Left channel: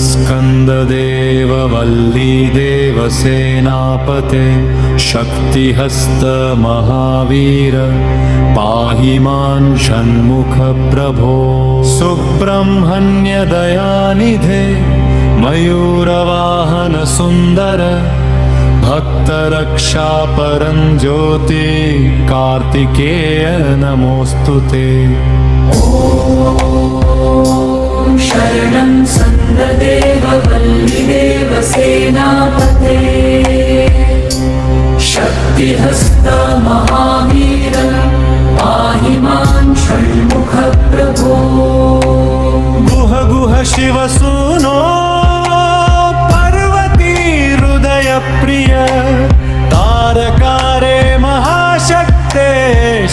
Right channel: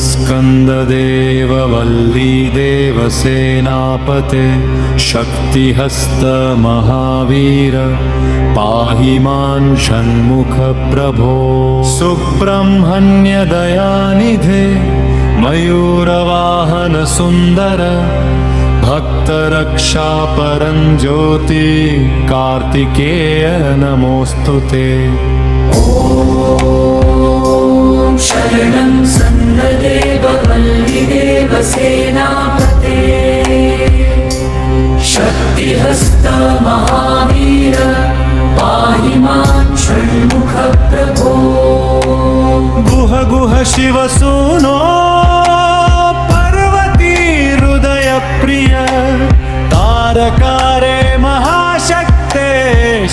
स्कन्ददेव वल्लीदेव सेनापते शक्तिहस्त महावीर पाहि मां षण्मुख प्रभो सुब्रह्मण्य दयानिधे मयूरवाहन सुन्दर भक्तरक्षा परञ्ज्योति कार्तिकेय नमोऽस्तुते। शरणं स्कन्ददेव वल्लीदेव सेनापते शक्तिहस्त महावीर पाहि मां षण्मुख प्रभो गुह गुह शिवसूनो पार्वती हृदय प्रिय तारकारे महाशक्ते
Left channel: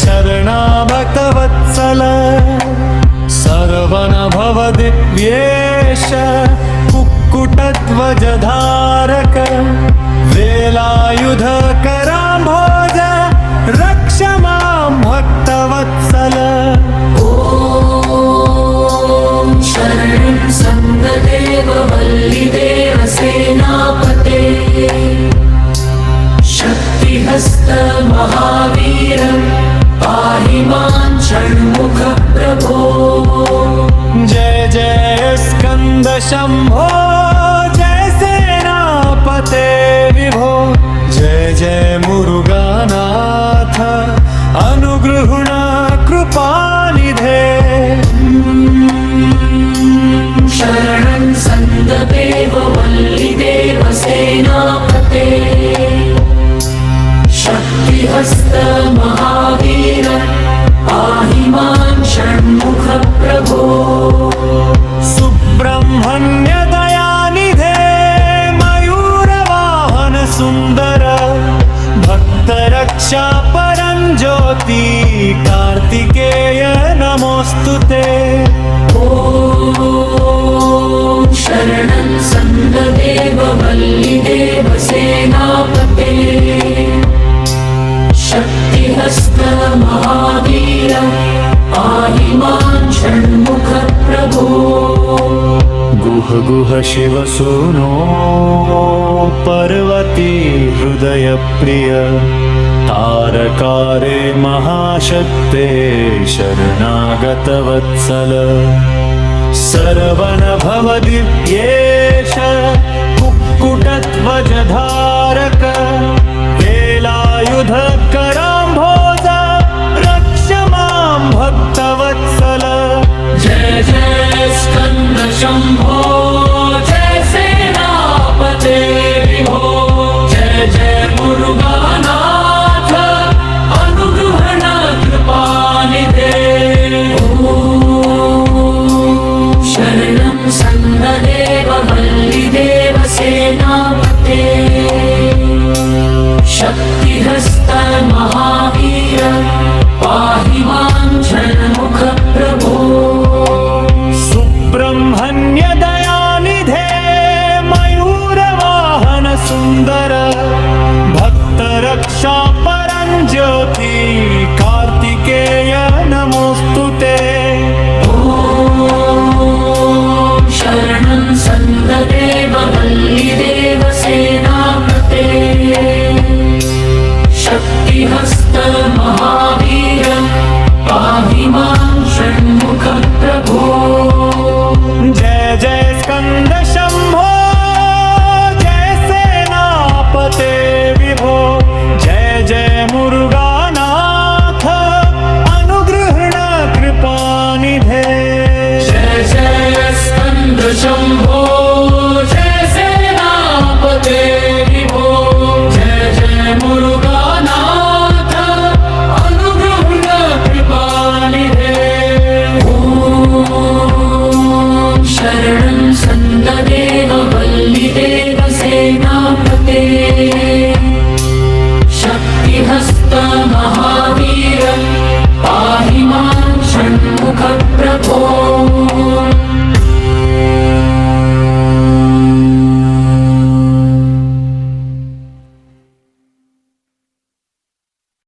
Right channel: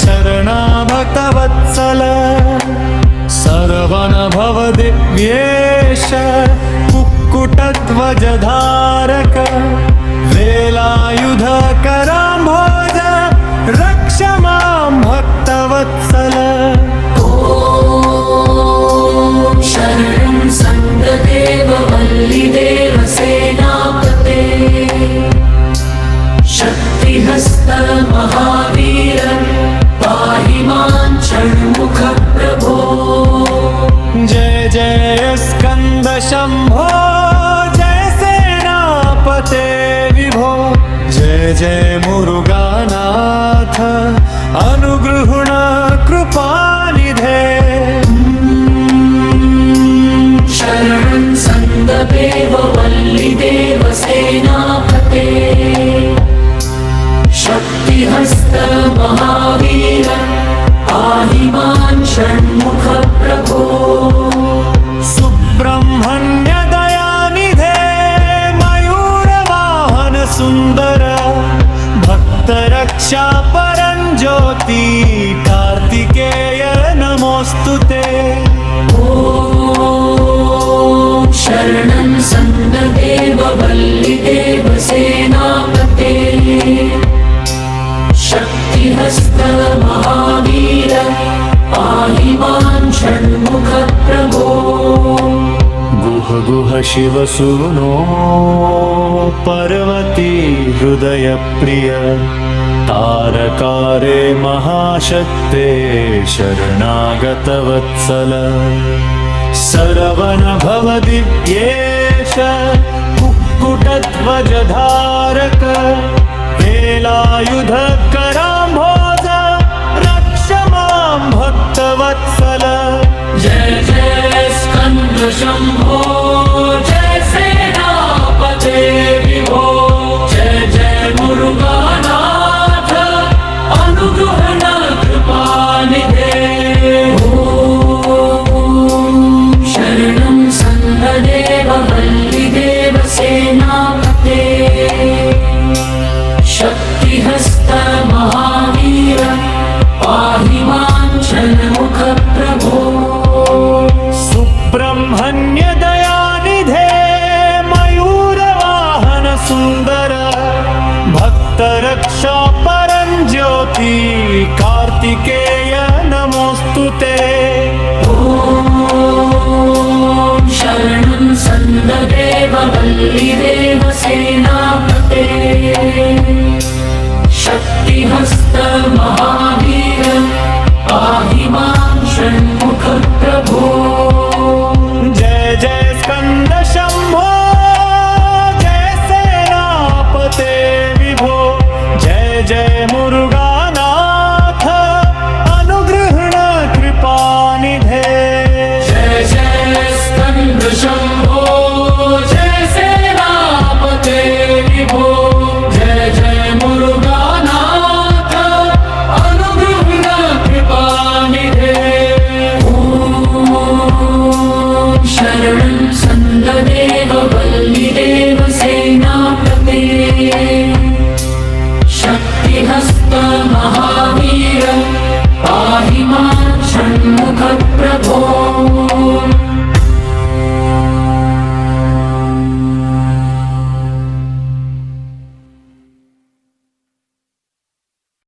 शरणाभक्तवत्सल सर्वन भव दिव्येश कुक्कुटध्वजधारक वेलायुध कराम्भोज रक्ष मां भक्तवत्सल। शरणं स्कन्ददेव वल्लीदेव सेनापते शक्तिहस्त महावीर पाहि मां षण्मुख प्रभो जय जय स्कंद शंभो जय सेनापते विभो जय जय मुरुगानाथ अनुगृहण कृपानिधे। शरणं स्कन्ददेव वल्लीदेव सेनापते शक्तिहस्त महावीर पाहि मां षण्मुख प्रभो सुब्रह्मण्य दयानिधे मयूरवाहन सुन्दर भक्तरक्षा परञ्ज्योति कार्तिकेय नमोऽस्तुते। शरणं स्कन्ददेव वल्लीदेव सेनापते शक्तिहस्त महावीर पाहि मां षण्मुख प्रभो गुह गुह शिवसूनो पार्वती हृदय प्रिय तारकारे महाशक्ते शरणागतवत्सल सरवण भव दिव्येश कुक्कुटध्वजधारक वेलायुध कराम्भोज रक्ष मां भक्तवत्सल। जय जय स्कंद शंभो जय सेनापते विभो जय जय मुरुगानाथ अनुगृहण कृपानिधे। शरणं स्कन्ददेव वल्लीदेव सेनापते शक्तिहस्त महावीर पाहि मां षण्मुख प्रभो सुब्रह्मण्य दयानिधे मयूरवाहन सुन्दर भक्तरक्षा परञ्ज्योति कार्तिकेय नमोऽस्तुते। शरणं स्कन्ददेव वल्लीदेव सेनापते शक्तिहस्त महावीर पाहि मां षण्मुख प्रभो जय जय स्कंद शंभो जय सेनापते विभो जय जय